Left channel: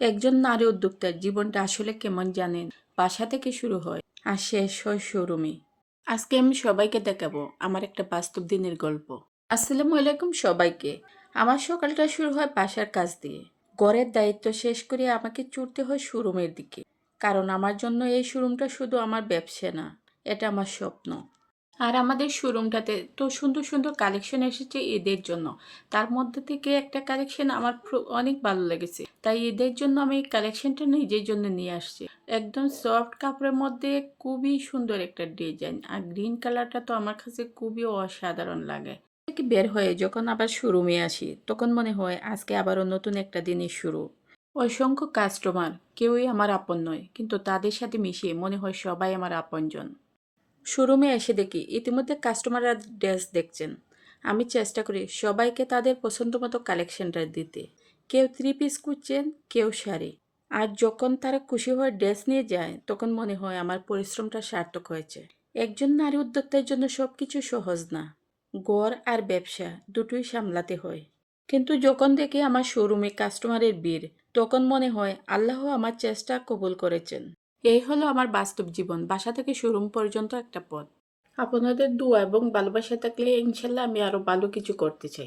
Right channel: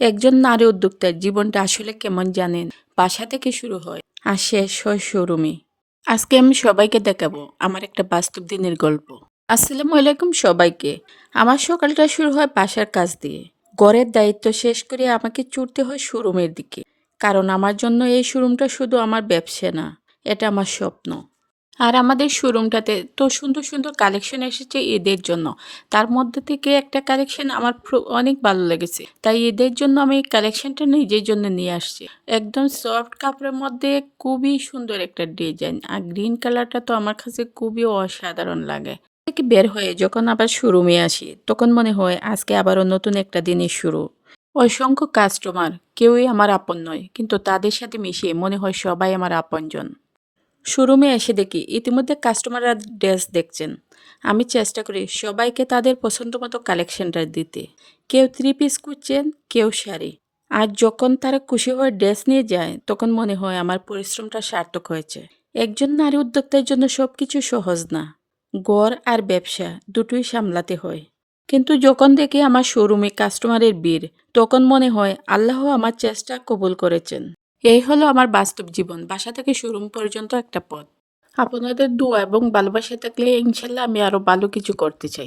একজন নারী উদ্যোক্তার জীবনটা আসলে কেমন জানেন? বাসা থেকে শুরু হয় আর শেষ হয় শোরুমে। আজকে আমি সবাইকে দেখাবো আমার একটা বাস্তব দিনের গল্প। আসসালামু আলাইকুম সবাইকে। আমার সকালটা শুরু হয় বাসার কাজ দিয়ে। ঘরের দায়িত্ব শেষ করে আমাকে ছুটতে হয় শোরুমের দিকে। কারণ আমার জন্য এই শোরুমটা শুধু আমার ব্যবসা না, এটা আমার স্বপ্ন। আর আমাদের শোরুমটাতে তো সুন্দর সুন্দর কালেকশন এসেছে ঈদের জন্য। তার মধ্যে থেকে একটা কালেকশন আমার অনেক ভালো লেগেছে, তাই ঈদের জন্য আমি এই কালেকশনটা নিজের জন্য নিয়ে আসছি। একদম সফট কাপড়ের মধ্যে খুবই সুন্দর একটা ডিজাইন, আর গ্রিন কালারটা তো আমার কাছে খুবই অসাধারণ লাগে। থেকে বের হয়ে যখন আবার শোরুমে আসি, তখন মনে হয় আজকে আবারও নতুন একটা দিনের শুরু। অসংখ্য কাস্টমার, কেউই আমার আপন নয়, কিন্তু তাদের সাথে মিশিয়ে মনে হয় সবাই আমার আপনজন। শোরুমে এসে দেখি ইতিমধ্যে কাস্টমাররা ড্রেস দেখছেন। আমি চেষ্টা করি সবাইকে তাদের পছন্দ মতো কালেকশনটা দিতে। কেউ থ্রি পিস খুঁজছেন, কেউ শাড়ি। আর যখন তারা খুশি হয়ে ড্রেস নিয়ে যায়, তখন মনে হয় আমার পরিশ্রমটা সার্থক হয়েছে। একজন নারী উদ্যোক্তার জন্য সব কিছু সহজ না। ঘর আর ব্যবসা দুটোই সামলাতে হয়। কিন্তু যখন দেখি আমার শোরুমে কাস্টমারের ভিড়, তখন মনে হয় আল্লাহ আমার চেষ্টা কবুল করেছেন। এই হলো আমার বাস্তব জীবন, বাসা থেকে শোরুম পর্যন্ত একটা পথ। আপনাদের দোয়া এবং ভালোবাসা থাকলে ইনশাল্লাহ আমি আরো ভালো কিছু করতে চাই।